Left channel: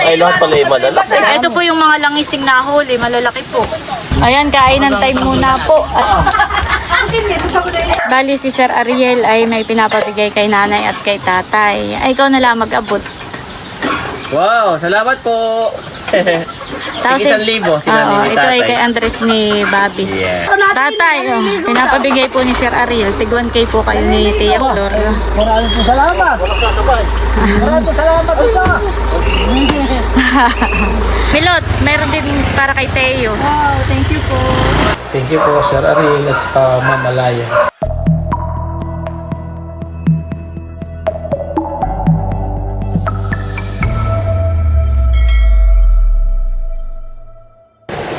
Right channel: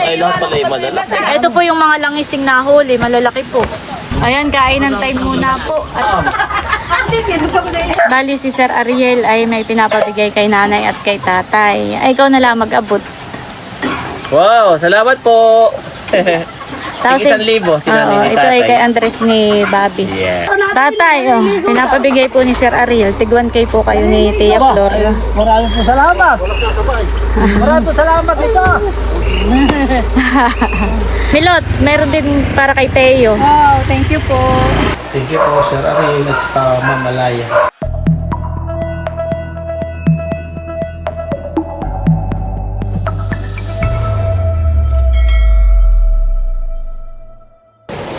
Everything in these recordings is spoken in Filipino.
Ay, lahat pala yung malalaki. Ito po yung mga langising na huli, malalaki po. Ayan, kainan time muna po. At bali si Sir Ariel ay may pinapabigay kay nanay at kay tatay. Ay, ikaw na lang mag-abot. Wow, salamat po. Tapos, Tig 1,000 sila oo, ni ito ay tatay. kay Andres ni Bobby. Yeah. Tatay, pinapabigay po ni Sir Ariel. Tig 1K po kayo ni Tia Flor. Maraming po salamat. Maraming po salamat ito. Milot, meron din para kay Teo. Wow, thank you po. Thank you po, Sir Ariel at saka Ma'am Malaya.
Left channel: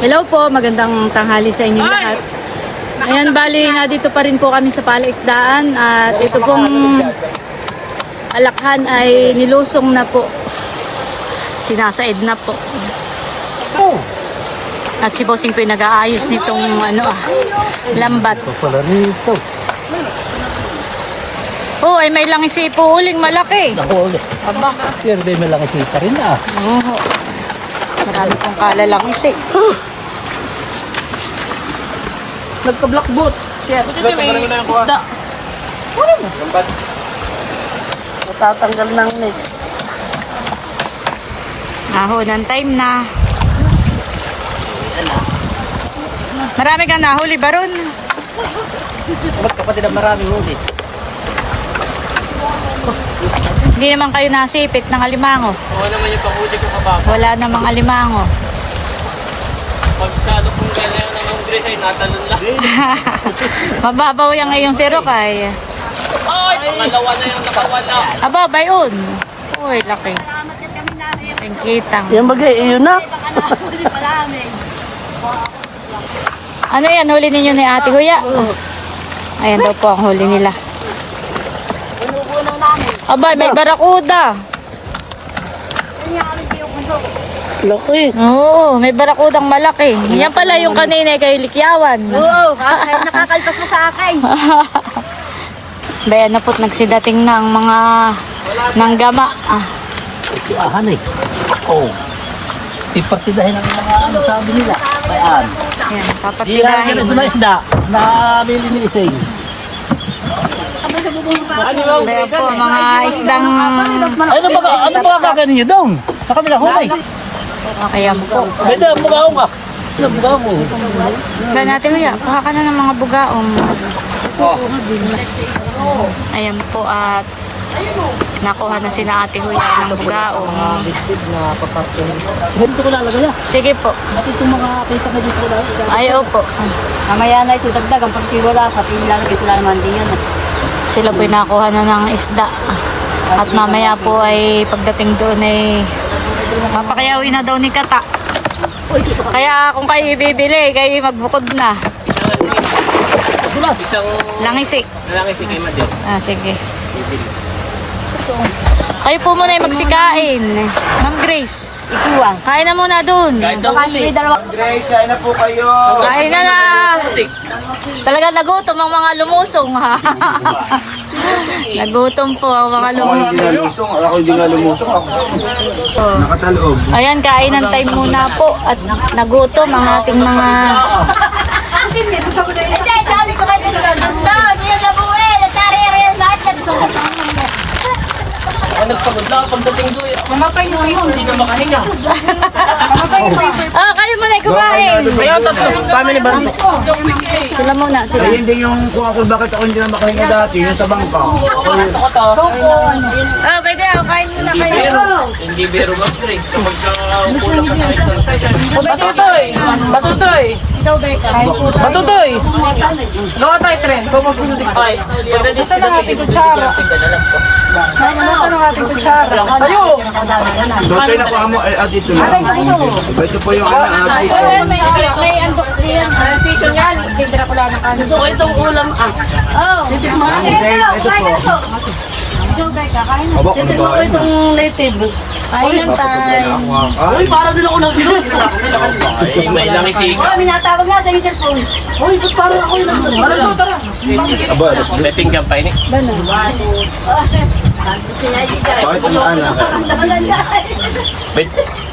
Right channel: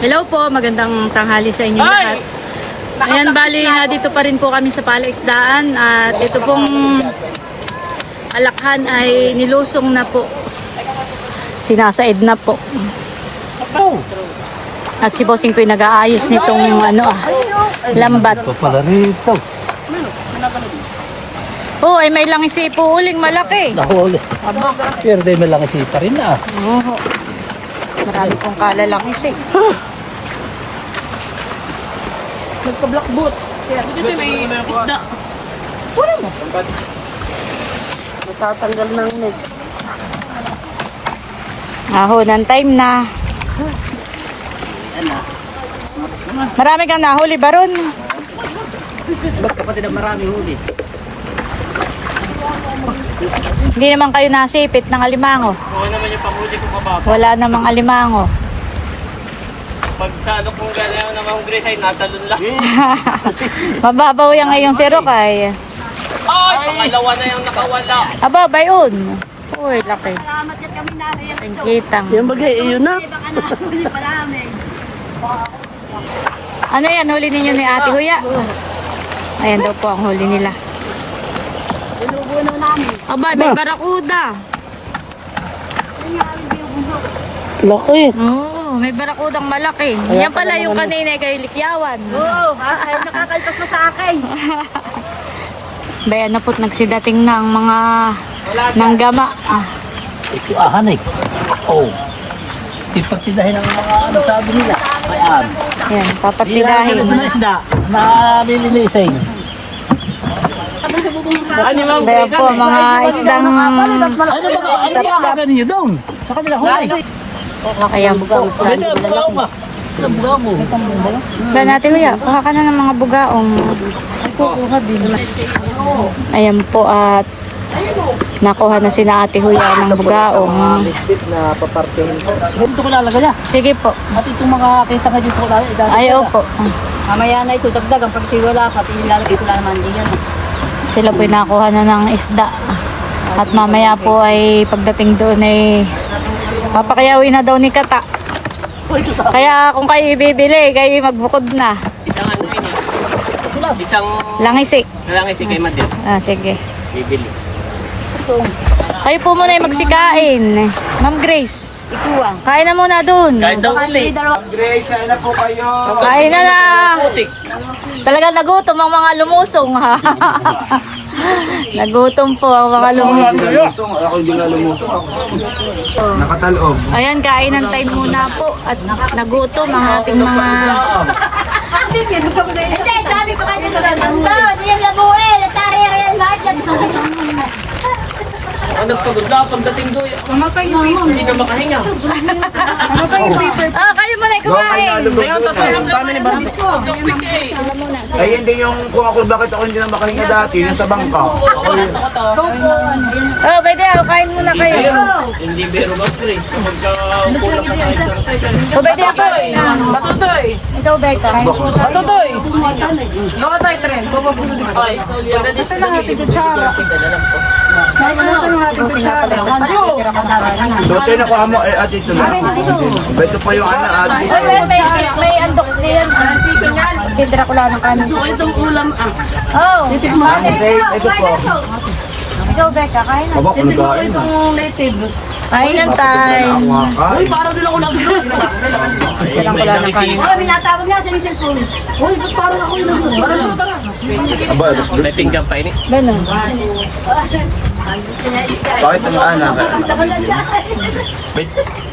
Hello po, magandang tanghali sa inyo lahat. Ayan, bali na dito pa rin po kami sa Palaisdaan at ito pong alakhan ay nilusong na po. Sinasaid na po. At si Bossing po yung nag-aayos nitong lambat. Oh, ay may langisi po uling malaki. Nahuli. Aba, Pero din may lang isipa rin na. oo. Marami pong kalalangisi. Nagka-black boots. Kaya ito may isda. Wala mo. Tatanggal ng net. Ng time na. Marami kang nahuli, Baron. Ba't kapatid ang maraming huli? Hindi naman kayo nasipit ng alimango. Oo naman yung panghuli ko kababa. Wala namang alimango. Pag sa ano kung ganyan ng mga Grace ay natalon lang. Mababaw yan ngayong si Rokay. Ay, pangalawa na yung nakawala. Aba, bayon. Uy, laki. Pingkitang. Yan bagay, yun na. Ano yan, huli ninyo ni Ate Huya? Ayan daw po ang huli nila. Aba, may barakuda. Laki. Oo, may barakudang malaki. Yan pala yung kanina kay Likyawan. Oo, nakakaitas mo sa akin. Bayan na po't nagsidating na ang mga nanggama. Ikuahan eh. Oo. Ipartidahin ang mga ano sabi nila. Ayan. Ayan, papatidahin. Ito na isda. Nalilinising. Bayan po, mga isdang Ano ba kaka ninyo doon? Sa kanila hulay. ayan po. May dalang bukaw ka. Nagbawa mo. Ba natin kuya, kuha ka na ng mga bugaong. Ayan po at nakuha na sila Ate Huya ng bugaong. Dito ko nalagay na. Sige po. At itong mga kita ka dito ko nalagay. Ay, opo. Mamaya na ito, dagdagan. Pag wala pa, ilalagay ko lang naman din yan. Sila po nakuha na ng isda. At mamaya po ay pagdating doon ay papakayawin na daw ni Kata. Kaya kung kayo ibibili, kayo magbukod na. Isang Langisi. langis si kay Madel. Sige. Bibili. Kayo po muna yung magsikain. Ma'am Grace. Kain na muna doon. Kahit daw ulit. Kain na na. Talaga nagutom ang mga lumusong ha. Nagutom po ang mga lumusong. Ako hindi nga lumusok ako. Nakatalog. Ayan, kainan time muna po. At nagutom ang ating mga... Hindi, sabi ko kayo nagaganda. Hindi yung labuel. Tarere yung lahat yan. Ang nagpagod lang pagdating doon. Hindi na makahinga. Kayo muna kumain. Ay hindi yung kuha ko bakit ako hindi na makahinga dati. Yung sa bangka. Pwede, kain muna kayo. Hindi biro mas Grace. Kapag upo lang ka sa Pwede ako. Patutoy! Ikaw, Becca. Patutoy! Gawa tayo, Tren. Gusto lang ating kutsara. Gusto lang ating kutsara. Tayo! So ito yung nakuha mo ay dito na. Ito pa yung May andok siya. Tindra ko lang ng kanin. Gusto ko itong ulam. Ito po. Ikaw, Becca, kain na. Abak, ano ba? Itong native. Kain na tayo. Uy, parang din ako nag-ilos. may langisi. Baka binatawag na sa yung cellphone. Uy, ba't parang ako yung nag-ilos? Aba, alas dos. May pinggan pa ini. Bakit ang maanak? Wait.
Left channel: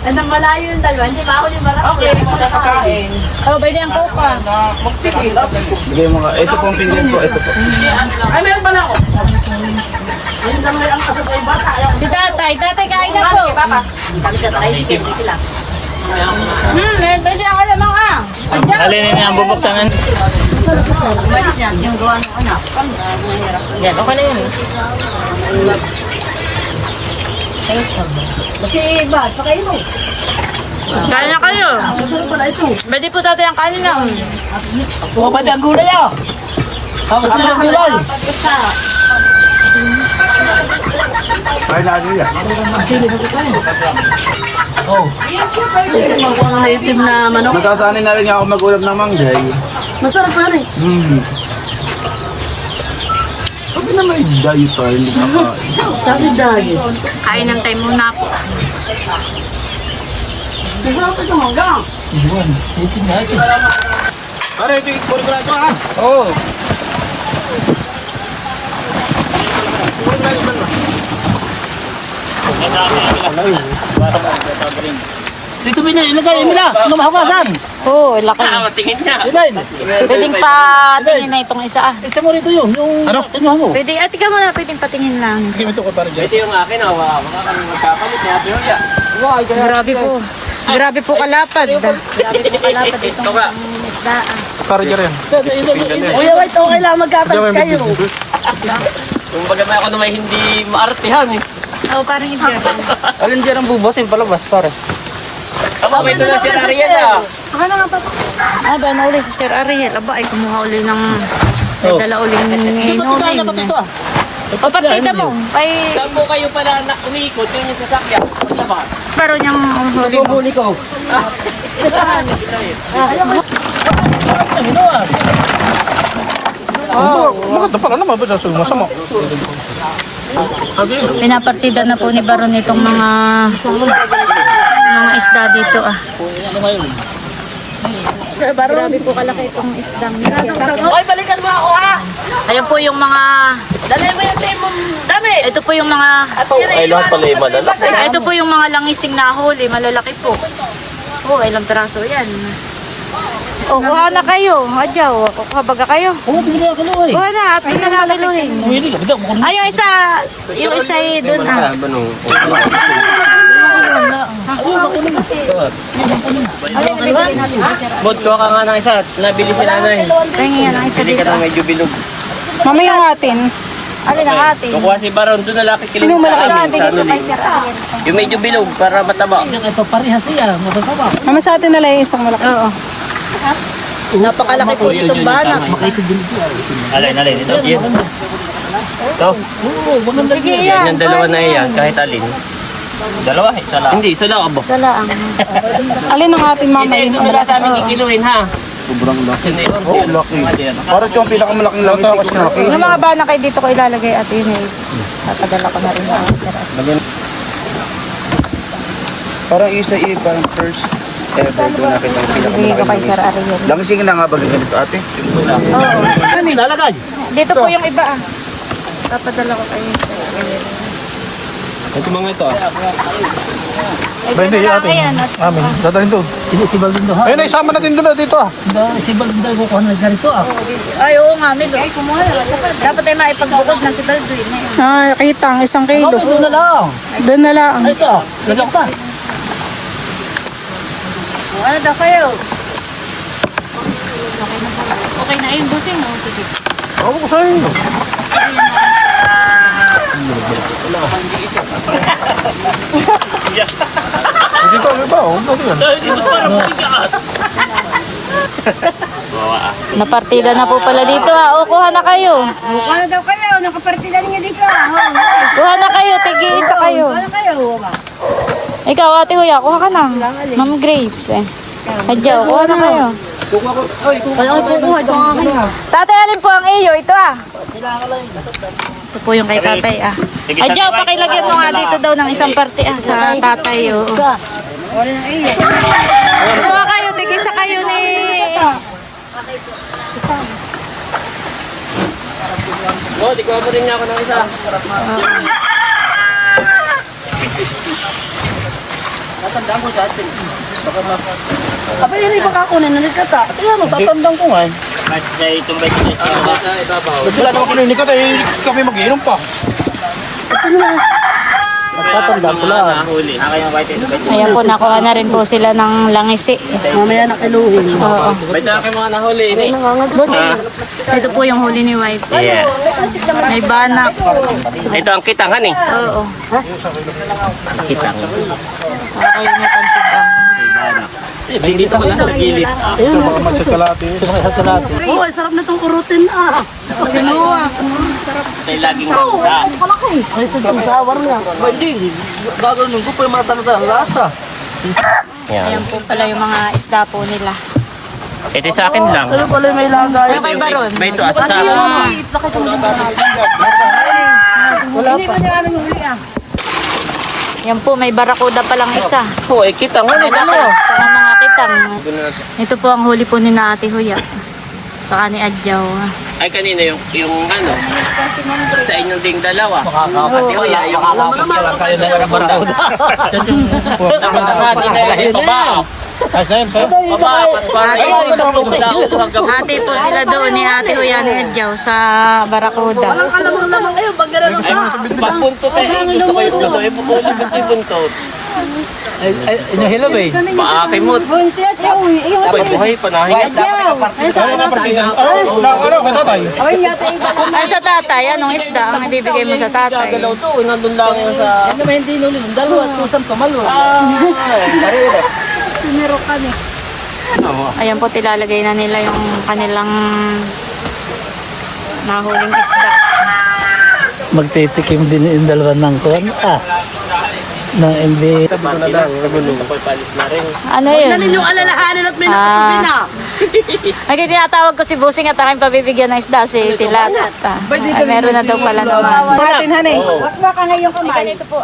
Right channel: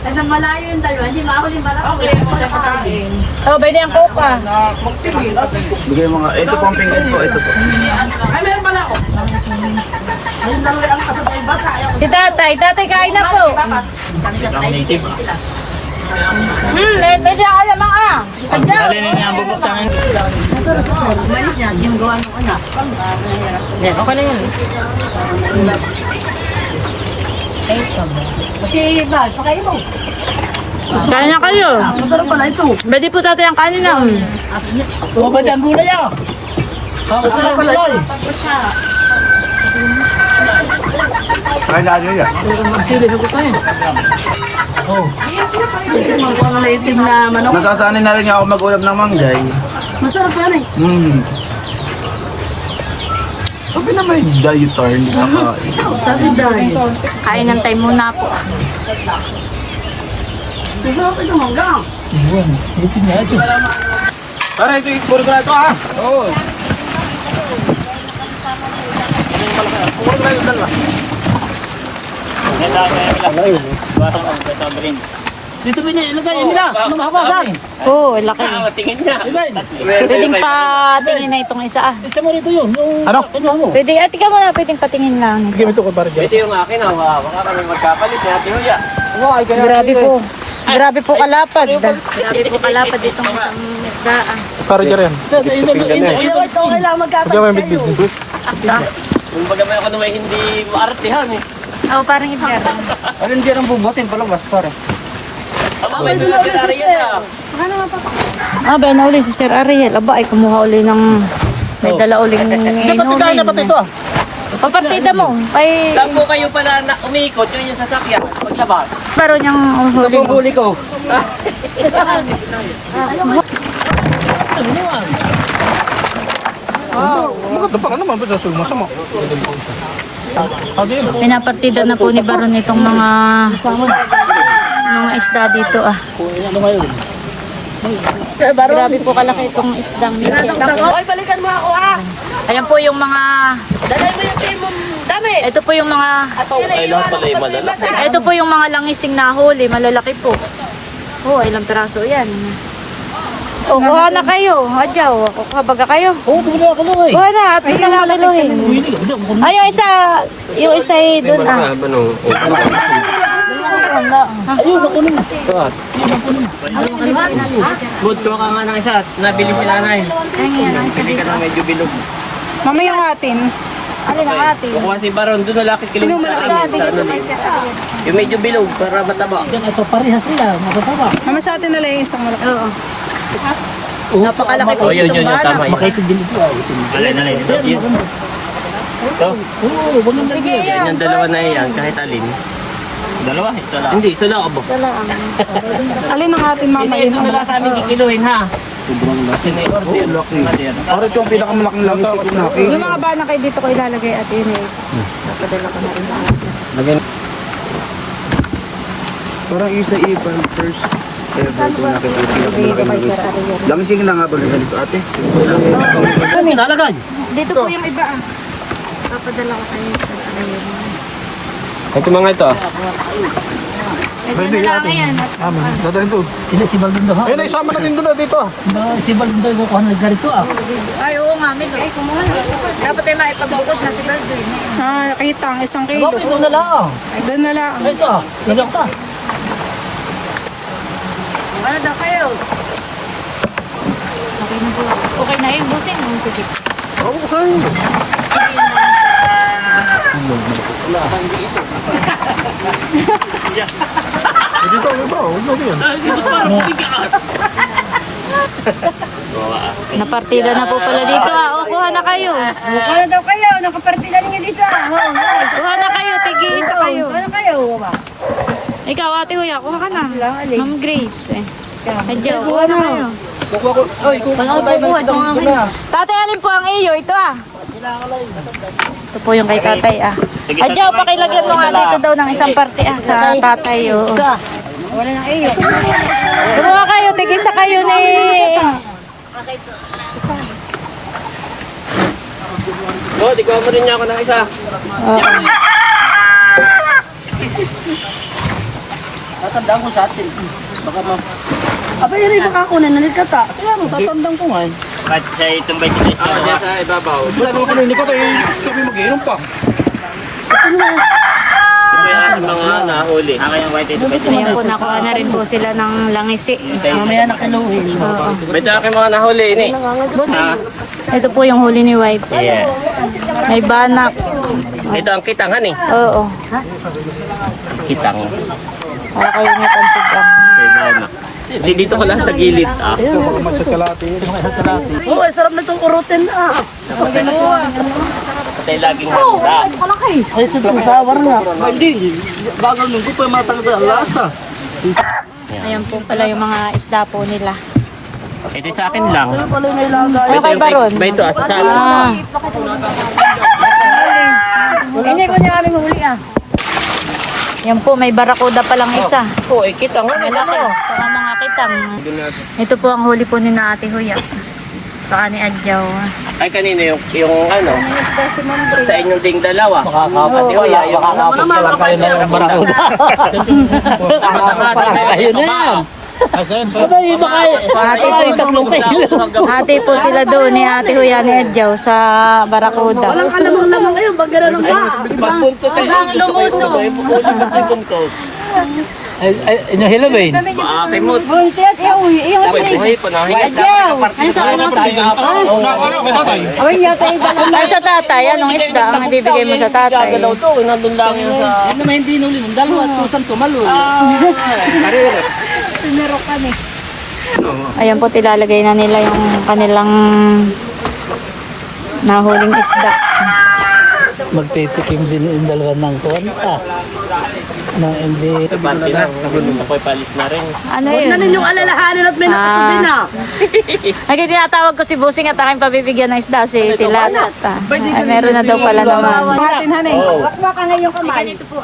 Ano malayo yung dalawa, hindi maahol yung barako. Oh, pwede ang coke ah. Bigay mo nga. Ito pang pinggan ko. Ito po. Ay, meron pala ako. Si tatay, tatay kain na po. Pwede ako lamang ah. Dali na yung bubuktangan. Umalis niya, yung gawa ng anak. Yan, okay na yun eh. Si Brad, pakain mo. Kaya na kayo. Masarap pala ito. Pwede po tatay ang kanin na. Sumabad ang gulay ah. Kasi ang gulay. May lagay yan. Mga native na manok. Nagkasanin na rin ako mag-ulam ng manggay. Masarap pala eh. Sabi na may dietar. Hindi ka makakain. Sabi dahil. Kain ng time muna po. Masarap ito manggang. Yun. Ito nga ito. Para ito yung puro na ito ha. Oo. Dito bina, ilagay nila. Lumahawasan. Oo, laki. Tingin niya. Pwedeng pa tingin na itong isa ah. Isa mo rito yun. Yung ano? Mo. Pwede, tika mo na, pwedeng patingin lang. Hindi mo ito ka para dyan. Ito yung akin. Baka ka nang magkapalit. Tingin niya. Grabe po. Grabe po kalapad. Grabe po kalapad itong isang isda ah. Para dyan rin. Ito kailangan magkakalit kayo. Kung baga may ako na may hindi maartihan eh. Oo, parang hindi ako. Alin dyan ang bubuhat yung palabas, pare. Aba, ito lang si Ariel ah. Ah, ba na uli si Sir Ariel. Aba, ay kumuha uli ng... May dala uling inumin. Papartida mo. Ay, Saan ko kayo pala na umikot yun yung sasakyan? Paglabas. paro niyang huli mo. Huli ko. Ito pala naman, ba masama? Pinapartida na po ni Baron itong mga isda dito ah. Grabe po kalaki itong isdang nito. Ay, balikan mo ako ha. Ayan po yung mga... Dalay mo yung tayo mong dami. Ito po yung mga... Ay, lahat pala yung malalaki. Ito po yung mga langising na huli. Malalaki po. Oh, ilang piraso yan. Oh, kuha na kayo. Adyaw. Kuha baga kayo. Oo, bumili ako no eh. Kuha na. At pinalakiluhin. Ay, yung isa ay doon ah. Bod, kuha ka nga ng isa. Nabili si nanay. Bili ka ng medyo bilog. Mamaya yung atin. Alin ang atin? Kukuha si Baron, doon na laki kilo sa amin. Yung medyo bilog para mataba. Diyan ay paparehas siya, matataba. Mama sa atin na lang yung isang malaki. Napakalaki po itong bana. Ito din ito. Alin. Ito. Oo, maganda Sige din. yan. Yung dalawa na yan, kahit alin. Dalawa, isa lang. Hindi, isa lang abo. Alin ang atin mama Hindi, yun? ito wala sa amin kikiluhin ha. Sobrang laki. Oo, laki. Para ito ang pinakamalaking langis ko kinaki. Yung mga bana kayo dito ko ilalagay at yun eh. Napadala ko na rin. Parang isa parang first ever ito natin. Bigay ko kay Sir Ariel. Langsing na nga ba ganito ate? Ano yung lalagay? Dito po yung iba ah. Papadala ko kayo. Ito mga ito. Ito na lang yan. Amin. Dadalhin doon. Si Baldindo ha? Ayun, isama natin doon dito ah. Si Baldindo ay kukuha na ganito ah. Ay, oo nga. Mili. Ay, kumuha. Dapat ay maipag-agod na sila. Ah, kita ang isang kilo. Kapit doon na lang. Doon na lang. Ay ito ah. Lagyan ko pa. Ay, na kayo. Okay na po. Okay na yung busing. Sige. Napartida na po pala dito ha. O, kuha na kayo. Mukha na daw kayo. Nakapartida niyo dito ha. Kuha na kayo. Tig-iisa kayo. Ano kayo? Ikaw, ate Huya, kuha ka na. Ma'am Grace. Adyaw, kuha na kayo. Tatay, alin po ang iyo? Ito ah. Ito po yung kay tatay ah. Adyaw, pakilagyan mo nga dito daw ng isang parte ah sa tatay. Oo. Wala na iyo. Kumuha kayo, tig-isa kayo ni... Oo, di ko rin niya ako ng isa. Oo. Tatandaan ko sa atin. Baka ma... Aba, yun yung makakunin na nagkata. Kaya ano, tatandang ko nga. Ba't sa itong may kasi Wala naman kunin ka tayo, kami mag-inom pa. Tatandaan ko lang. Huli. Ang white ito. Ayan po, nakuha na rin po sila ng langisi. Mamaya na kiluhin. Oo. Ba't na kayo mga nahuli ini? Ito po yung huli ni wife. Yes. May banak. Ito ang kitangan eh. Oo. Kitang. Para kayo may pansigang. Kay Bana. May dito ko lang sa gilid. Ah. Ito mga isang kalati. Oo, ay sarap na itong urutin. Kasi laging ganda. Ay, sa sawar nga. Ba hindi, gagawin ko pa yung mga talaga lasa. Ayan po pala yung mga isda po nila. Ito sa akin lang. Ano kay Baron? Ba ito at sa Ah, Hindi ko niya aming huli yan po, may barakuda palang isa. po, kitang ano Malaki. Tsaka mga kitang. Ito po ang huli po ni na Ate Huya. Saka ni Adjaw. Ay kanina yung ano sa inyong ding dalawa. Makakapit Ate Huya, yung kakapicturean kayo na barakuda. Nakakati na yung baba. Baba. Ate po sila doon ni Ate Huya ni Adjaw sa barakuda. Alamang kayo, pag gano'n sa. Pagpunto kayo, gusto kayo sabay. Pupunan ka kayo buntot. Inahilab eh. Paakimot. Bunti at yung Sabay buhay pa na. Ay, sa tatay, anong isda ang ibibigay mo sa tatay? Ito, nandun lang yung sa... Ano naman hindi nuli, ng dalawa at kusang tumalo. sinero kami. Ayan po, tilalagay na nila yung kanilang nahuling isda. Magtitikim din yung dalawa ng kuwan. Ng MB. Ano yun? Yung alalahanin at may Ah. Ay, tinatawag ko si Busing at aking pabibigyan ng isda, si Tilat. Ay, meron na daw pala naman. Hatin, hanay. Baka ngayong kamay. Ito po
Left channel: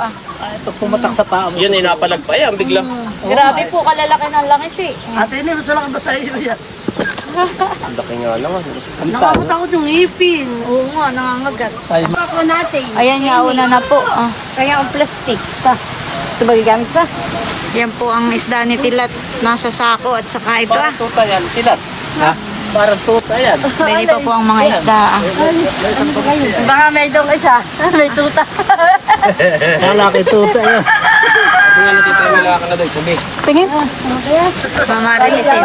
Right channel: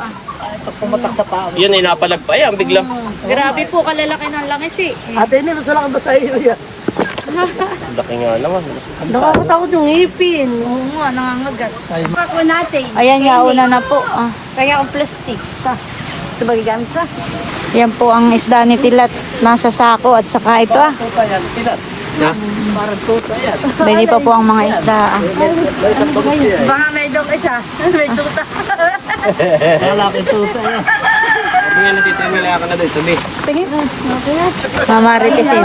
Yun ay napalag pa yan. Biglang Grabe po, kalalaki ng langis eh. Ate, hindi, mas wala kang basa iyo yan. laki nga naman. Nakakatakot yung ngipin. Oo nga, nangangagat. Ako natin. Ayan, yauna na po. Ah. Kaya ang plastic. Ito ba gigamit pa? Yan po ang isda ni Tilat. Nasa sako at saka ito ah. Tuta yan, tilat. Ha? Parang tuta yan. Bili pa po ang mga isda ah. Baka may dong isa. May tuta. Kalaki tuta yan. Tingnan natin ito. May laka na doon. Sabi. Tingin. Mamaritisin.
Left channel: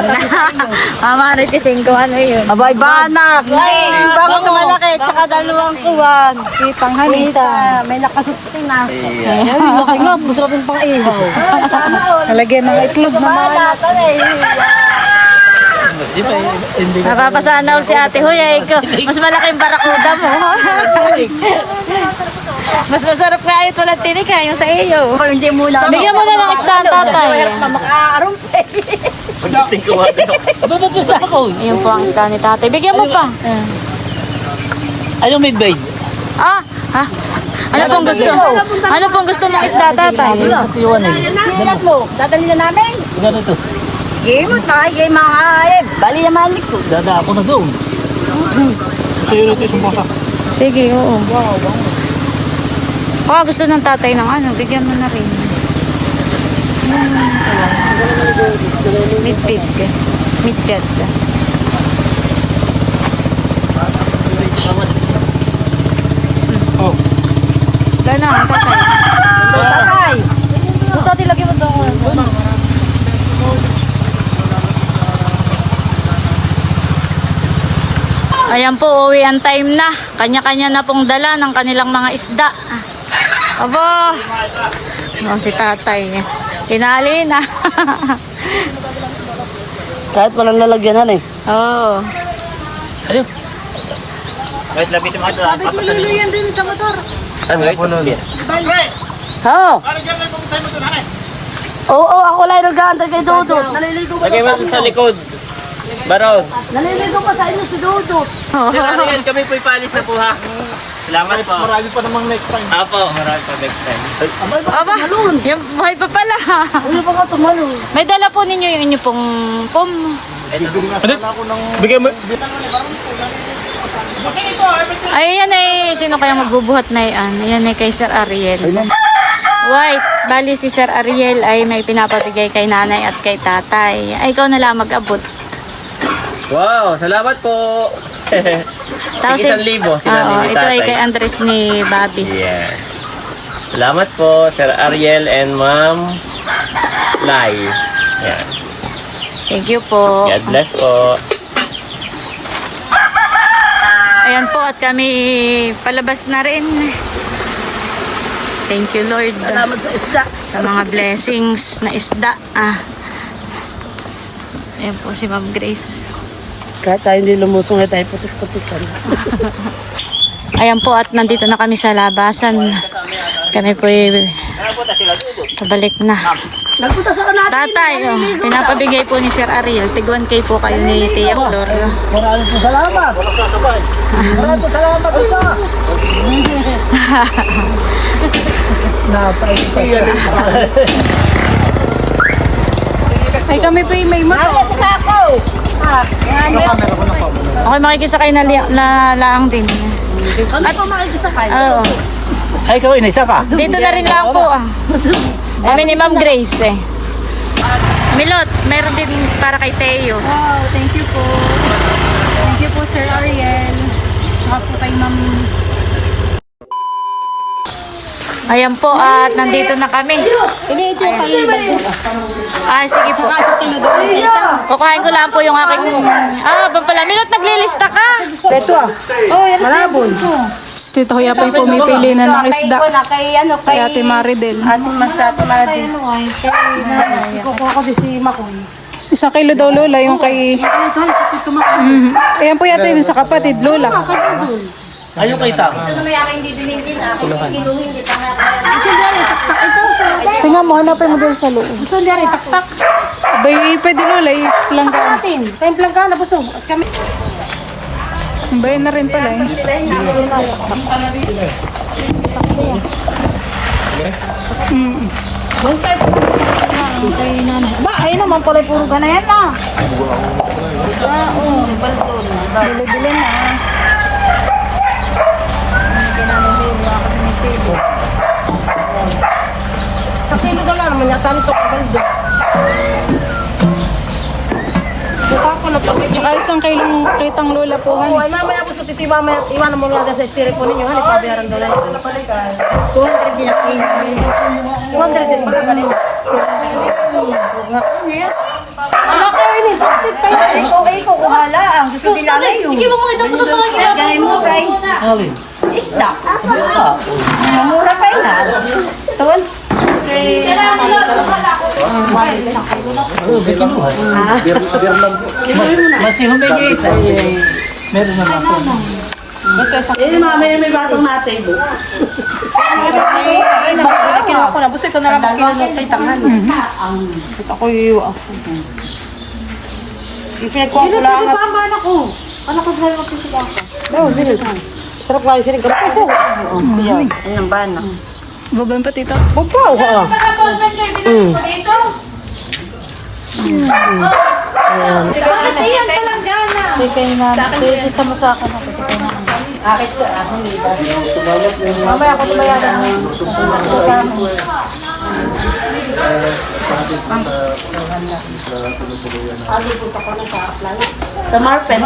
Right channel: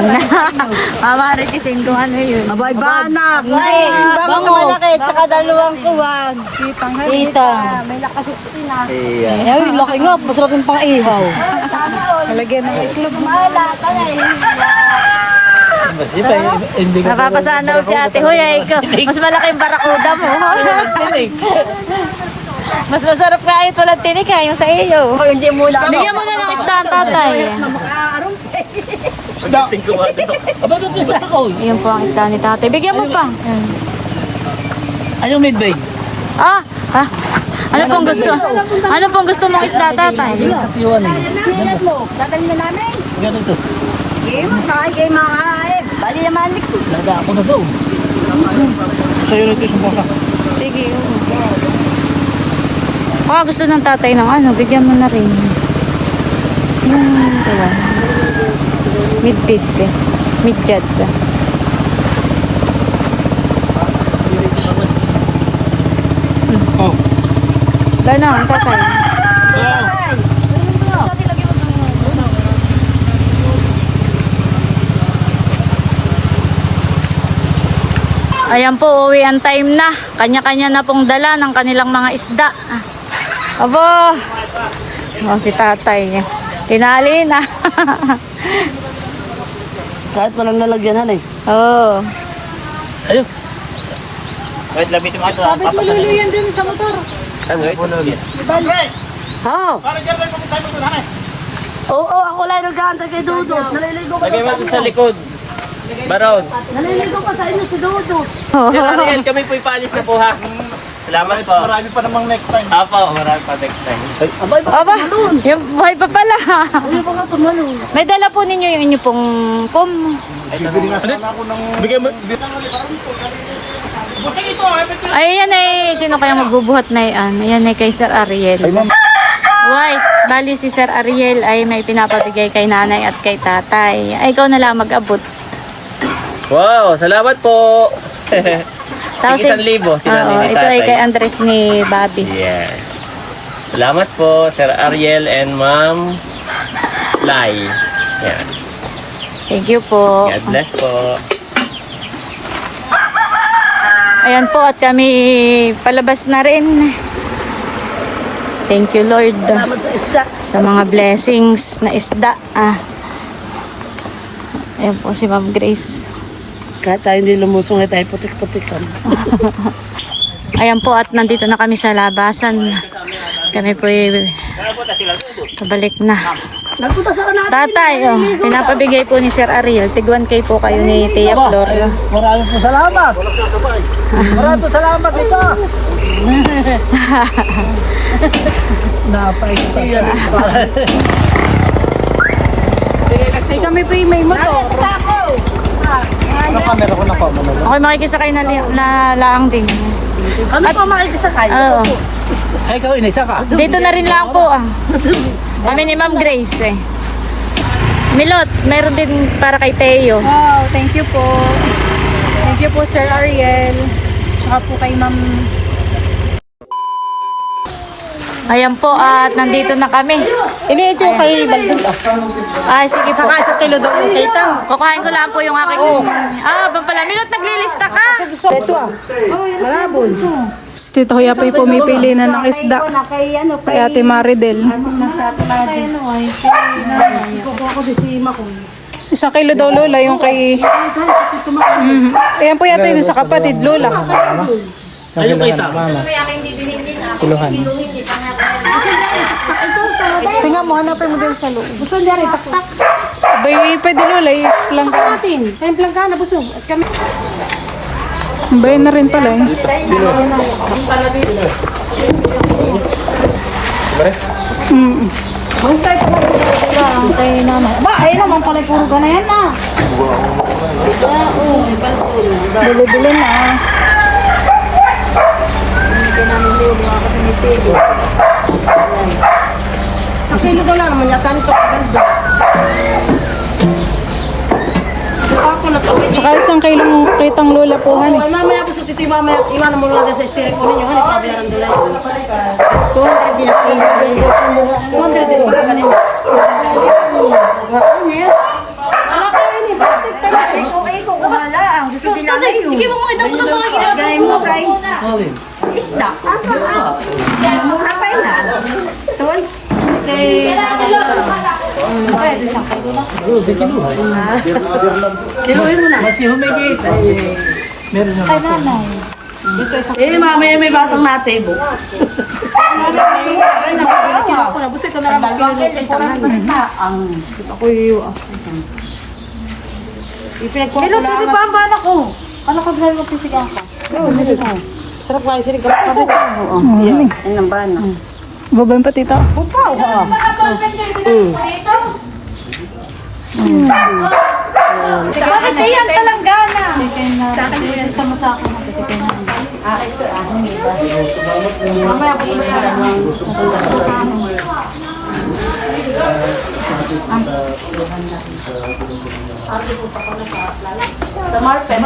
Mamaritisin kung ano yun. Banak. Ay, baka sa malaki. Tsaka dalawang kuwan. Kitang halita. May nakasutin na. Ay, laki nga. Masarap yung pang-ihaw. Halagyan ng itlog. Malata na eh. Napapasana ulit si Ate Huya. Mas malaking barakuda mo. Mas masarap nga ito lang tinika yung sa iyo. Hindi muna. Bigyan mo na ng isda ang tatay. Makaarom. Aba, ba't gusto ako? Ayun po ang isda ni tatay. Bigyan mo pa. Ayaw midbay. Ah, ah. Ano pong gusto? Ano pong gusto mong isda tatay? Katiwan eh. Nasalat mo. Dadali na namin. Ganito. Game mo tayo. Game mga bali naman ko. Dada ako na doon. Sa'yo na ito isang basa. Sige, oo. Baka gusto ng tatay ng ano, bigyan mo na rin. Yung tawa. Midpid ka. Midjad ka. Oh. Wala na, ang tatay. Ay. Ayan po, uwi ang time na. Kanya-kanya na pong dala ng kanilang mga isda. Abo! Oh, si tatay. Tinali na. Kahit walang lalagyanan eh. Oo. Ayaw. Wait, labitin mo ito. Sabi ko luluyan din sa motor. Ano ito? Oo. Oo, ako lang nag-aantay kay Dudut. Naliligo pa Lagay sa mo sa inyo. likod. Baron. Naliligo pa sa inyo si Dudut. Kami po'y palis na po ha. Salamat po. Marami pa namang next time. Apo. Marami pa next time. Aba, yung buhay pa pala. Ano pa ka tumalo? May dala po ninyo yung inyo pong pom. Bibili nga sana ako ng... Bigay mo... Ay, yan ay, sino kaya magbubuhat na yan? Ayan ay kay Sir Ariel. White. bali si Sir Ariel ay may pinapabigay kay nanay at kay tatay. Ay, ikaw na lang mag-abot. Wow, salamat po. Tapos, Tig 1,000 sila oo, ni ito ay tatay. kay Andres ni Bobby. Yeah. Salamat po, Sir Ariel and Ma'am Lai. Yeah. Thank you po. God bless po. Ayan po at kami palabas na rin. Thank you Lord sa mga blessings na isda. Ayan po si Ma'am Grace. Kahit tayo hindi lumusong, tayo putik-putik kami. Ayan po at nandito na kami sa labasan. Kami po pabalik na. Nagpunta sa natin. Tatay, pinapabigay po ni Sir Ariel. Tig 1K po kayo ni Tia Flor. Maraming po salamat. Maraming po salamat ito. Napait pa siya. Ay kami po yung may moto. Nakamera ko na po. Okay, makikisakay na laang din. Ano pa makikisakay? Oo. Ay, ikaw inisa ka. Dito na rin lang po. Kami ni Ma'am Grace Milot, meron din para kay Teo. Wow, thank you po. Thank you po Sir Ariel. Tsaka po kay Ma'am. Ayan po at nandito na kami. Ini ito yung kay Baldo. Ay, sige po. Saka 1 kilo doon ng kitang. Kukuhain ko lang po yung aking... bang pala. Milot, naglilista ka. Ito ah. Oh, yan ang bunso. Tito Kuya pa yung pumipili na ng isda. Kay Ate Maridel. Isang kilo daw Lola, yung kay... Ayan po yata yun sa kapatid Lola. Ayun kay Tama. Tingnan mo, hanapin mo din sa loob. Gusto niya rin, tak-tak. Abay, pwede Lola, i-plangga. Natin, tayong plangga na busog. Brain na rin pala. Ba, ayun naman pala puro ka na yan na. Bili-bili na. Sa kilo ka lang, manyataan ito kabalda. Ako na to. Tsaka isang kilong kitang Lola po. Ay, namaya ko sa titiba, maya imana mo lang sa estire po ninyo. Hani, pabiyaran daw lang. 200 din. 200 din. Baka ganun. Wala kayo ini. Bakit kayo? Okay, kung wala. Gusto din namin yun. Hindi mo makita mo ito mga ginagawa ko. Isda. Mura pa yan. Tawal. Kay... Kasi humigit. Meron na ako. Eh, mamaya may batang natin po. Ay, nakikinig ko na. Buso ito na lang. Ako yung... Kilo, pwede pa ang bala ko. Ano ka dahil magpisig ako? Sarap lang yung sinig. Yan ang bana. Babayin pa tita? Babaw ha. Tingnan talanggana. Gusto mo sa akin. Mamaya ako tumayaran. Sa Marpen.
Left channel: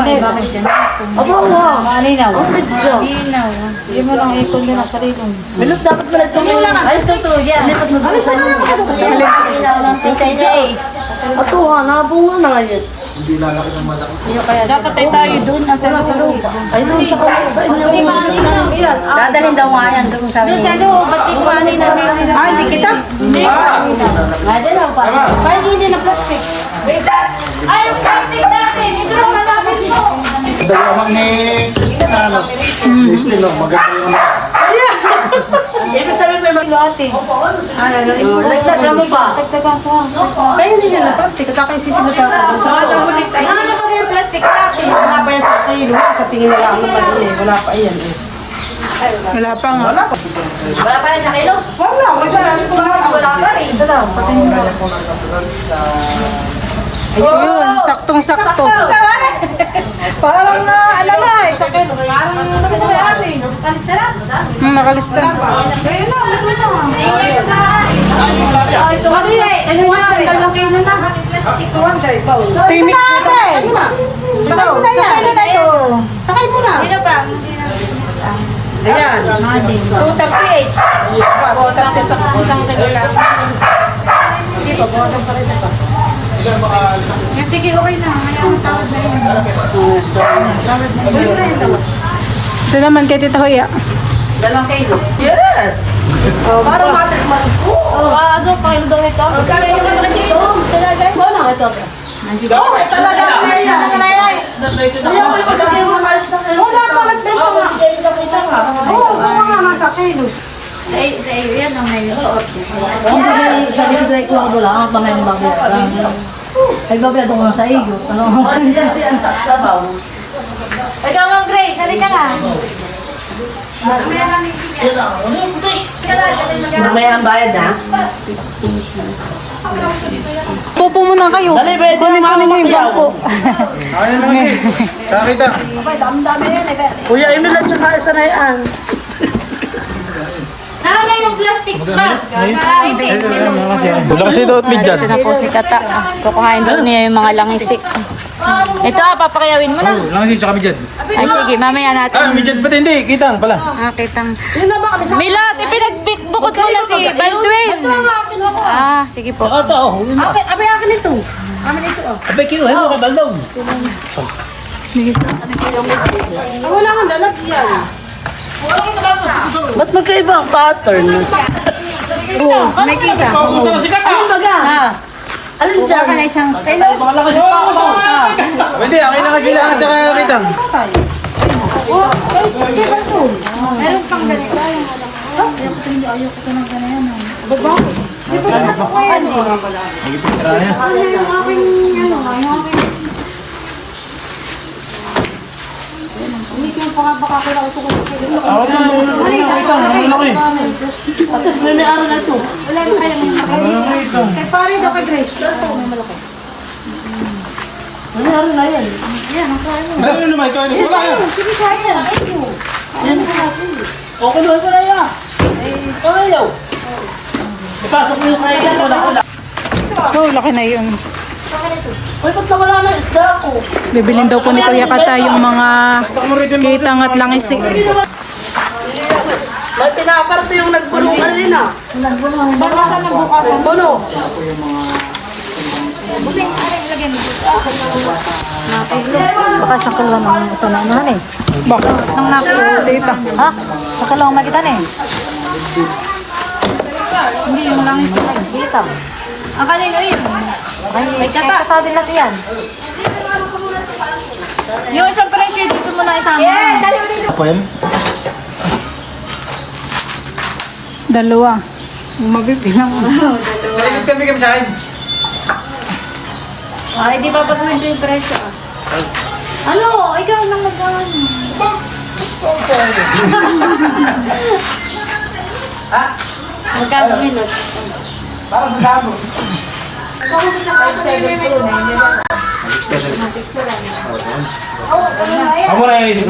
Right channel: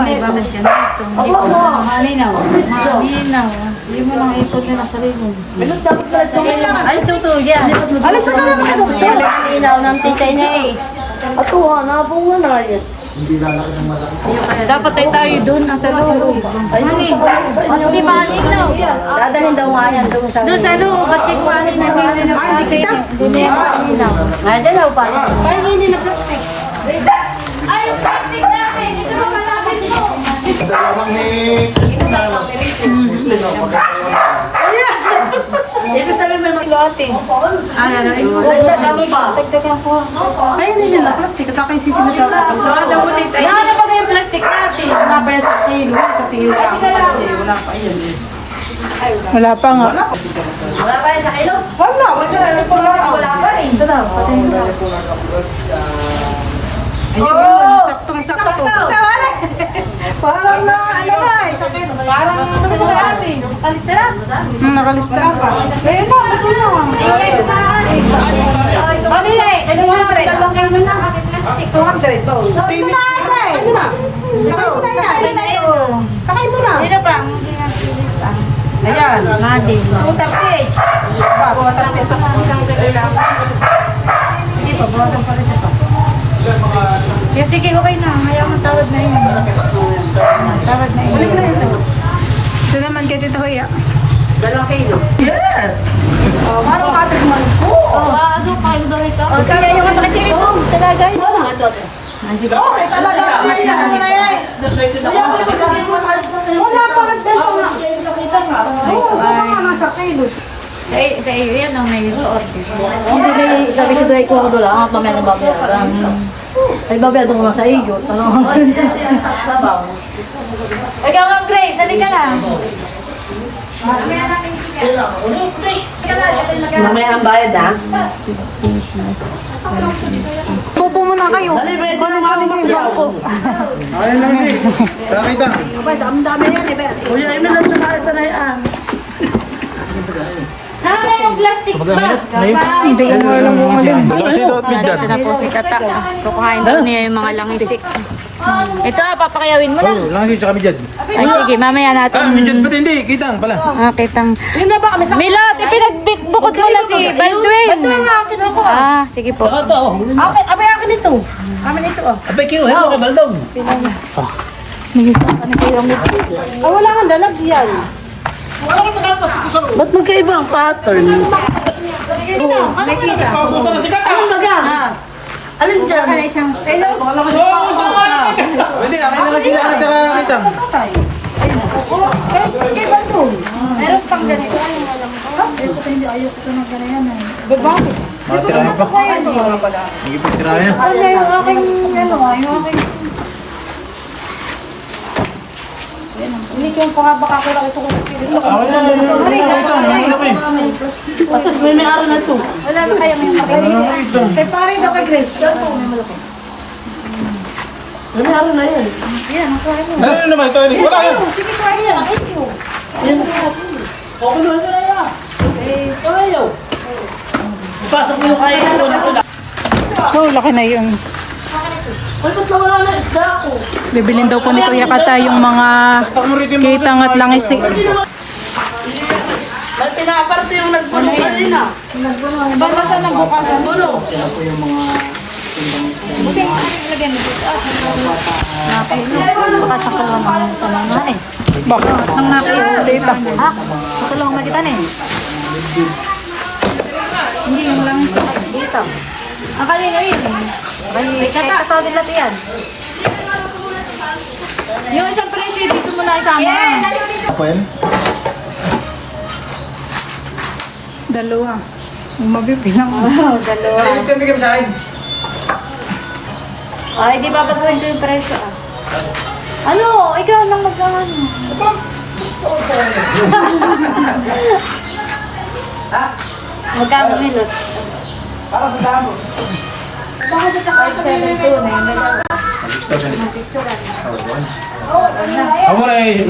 Malinaw. Hindi mo lang ito yun sa limon. Bilog dapat pala sa limon. Ay, ito yan. Yan ang malinaw ng tingkay niya eh. Ako nga, nabunga na yun. Dapat tayo doon, nasa loob. Hindi ba malinaw? Dadalhin daw nga yan doon sa... Doon sa loob, pati ko ano na Ah, hindi kita. Nadalaw pa. Parang hindi na plastic. Ay, yung plastic natin! Ito lang malapit ito! Dalawang ni Christina, ano? Christina, maganda yun. Ito sabi may maglote. Tagtagan ko. Kaya hindi na plastic. At ako yung sisinata ko. Ano ba yung plastic natin? Wala pa yan sa kilo. Sa tingin na lang. Wala pa yan. Wala pa nga. Wala pa yan sa kilo? Wala. Kasi Wala pa eh. ayun, saktong-sakto. Parang na, alam nga eh, sa akin, parang ano ba kay ate? Nakalista na? Nakalista. Ayun na, ito na. Mami na eh, 200. Dalawang kayo na. 200, oh. Pimix na. Ano na? Sakay mo na yan. Sakay mo na. Sino pa? Ayan. 238. 230 sa isang kilo lang. Hindi pa, buwagan pa rin sa pa. Yun, sige, okay na. Ngayong tawad na yun. Tawad na yun. Ito naman kay Tita Hoya. 2 kilo. Yes! Parang matigman ko. Bago, pakilo daw ito. Kaya yung naman siya ito. Sinadyan mo na. Ito. Oh, talaga. Wala pa ang dito nga. Oo, mga nasa kilo. Sa iyo yan, ang may Hindi may sabi si Dwight ko ako lang, ang pamay ng babayaran. Ay, babayaran ko lang sa iyo. Ano? Ikaw, Ma'am Grace, halika ka na. Mamaya ang bayad ha? Pupo muna kayo. Kunin ko ninyo yung bangko. Kuya Emil at saka Sanayan. Saan yung plastic bag? Kaitin. Wala kasi ito at midyan. Ito na po si Kata. Kukuhain po niya yung mga langisik. Ito papakayawin mo na. Lang kasi tsaka midyan. Ay sige, mamaya natin. Midyan pati hindi, kitang pala. Kitang... Milot, ipinagbukod mo na si Baldwin. Sige po. Saka ito, oh. Yun na. Okay, abay akin ito. Amin ito oh. Abay, kinuhin mo kay Baldaw. Wala kang dalagyan. Ba't magkaiba ang pattern? May kita. Anong baga? Alin dyan? Hello? Hindi, akin lang sila at tsaka kitang. Kay Baltun. Meron pang ganito. Ayoko ito ng ganayan. Tira na pa. Hindi po tira na. Ano yung aking, yung aking... Hindi ko yung baka ko lang ito kung Ako sa Atas may may-ari na ito. Wala na kaya may kay pare na kay Grace. May may-ari na yan. Ano naman ito? Wala yan. Sige, kaya yan. Ay, ko. Kukunuhin mo na yan. Eh, ayaw. Ipasok mo yung kain ko na kula. Oh, laki na yun. Uy, ba't na wala ng isda ako? Bibilin daw po ni Kuya Kata yung mga kitang at langisik. May pinaparto yung nagbuno kanina. Ba nasa nagbukasan? Bulo. Busing, lagyan mo dito. Baka sa kulo naman sa nana eh. Baka nang nakita. Ha? Sa kalong makita na eh. Hindi, yung langis yun. Dito. Ang kanino yun. Ay, Kata din natin yan. Yung isang presyo, dito mo na isama. Ako yan. Dalawa. Mabibilang. Kami sa akin. Ay, di ba gagawin ko yung presyo? Ano? Ikaw nang mag-ano. Magkano bilot? Kamu na eh.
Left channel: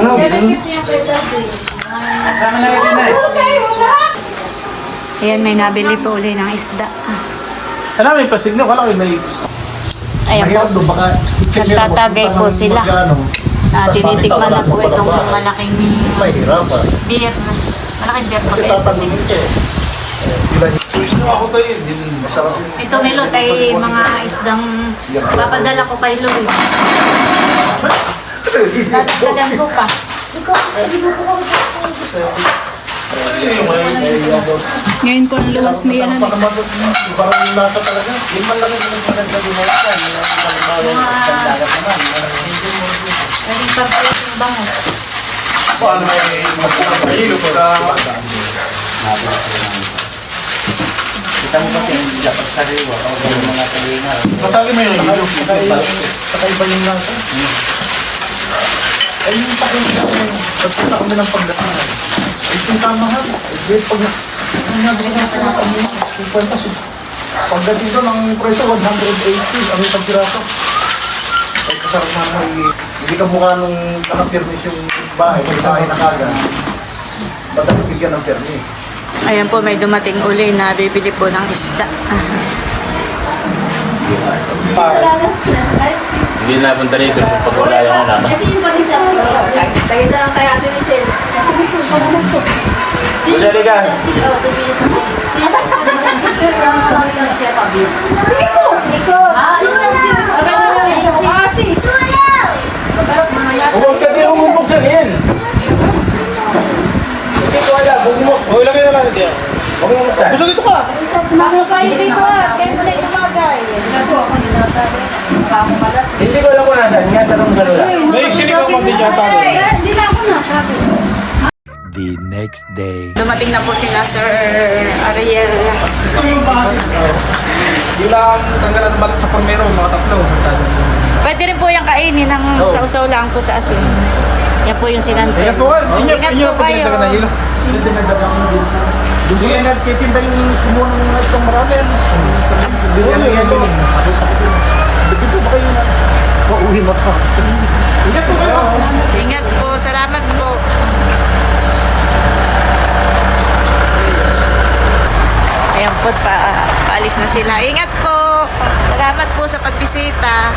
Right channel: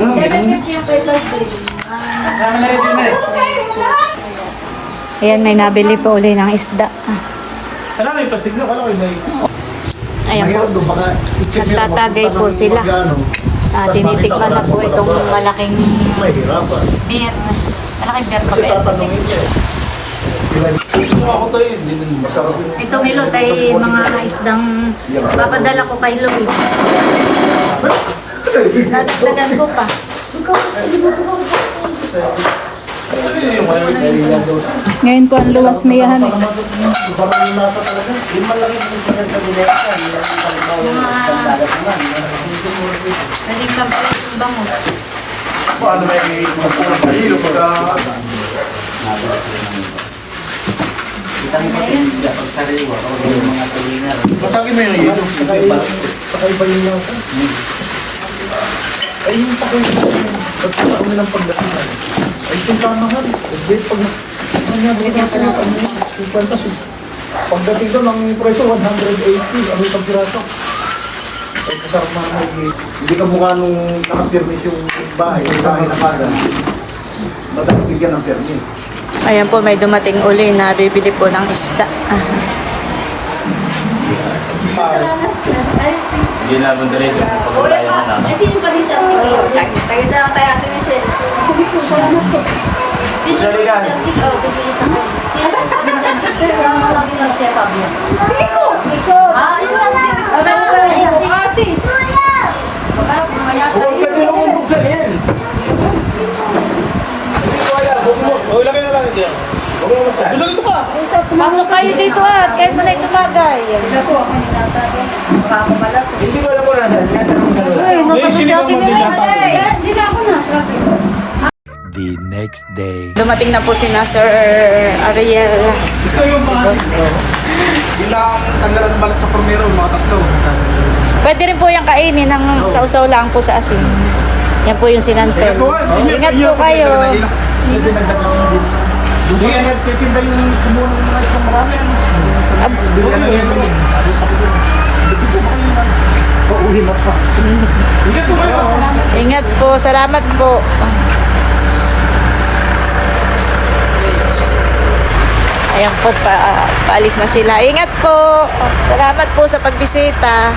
Sama na rin yun eh. Ayan, may nabili po ulit ng isda. Ano may pasigno? Kala ko yung Ayan po. Nagtatagay po sila. Tinitikman na po itong malaking beer. Malaking beer pa beer po sila. Ito Milot ay mga isdang papadala ko kay Luis. Dadagdagan ko pa. Ngayon po ang luwas niya. Matagi mo yun. Kakaiba yung lasa. Ay, yung takot pagkata kami ng pagdating. Ay, yung kamahal. Pag pagdating doon, ang presyo 180. Ano yung pagkirasa? Kahit sa sarumang hindi ka mukha nung nakapirmis yung bahay, yung lahi na kagad. Dapat bigyan ng permis. Ayan po, may dumating uli na bibili po ng isda. Hindi naman ganito kung pag wala yung ano. Tagisama tayo Ate Michelle. Gusto ligan? Nico! Ah, yun na. Asis! Huwag ka kayo bubuksan yan. Hindi ko kaya, huwag lang kayo naman din. Huwag mo buksan. Gusto dito ka! Pumasok kayo dito ka. Kahit mo na ito bagay. Hindi ko alam kung nasaan. Nga talong sa lula. Hindi, sinigaw mo din yung tanong. Hindi na ako na. The next day. Dumating na po si na Sir Ariel. Ito yung bahay. Bilang tanggalan ng balat sa pormero, mga tatlo. Pwede rin po yung kainin ng sausaw lang po sa asin. Yan po yung sinantol. Ingat po kayo. Hindi din nagdagang din sa... Hindi yan nagtitimba yung kumuha ng mga isang marami. Hindi yan lang yan. Hindi po ba kayo na? Pauwi mo pa. Ingat po kayo. Ingat po. Salamat po. Ayan po, paalis na sila. Ingat po. Salamat po sa pagbisita.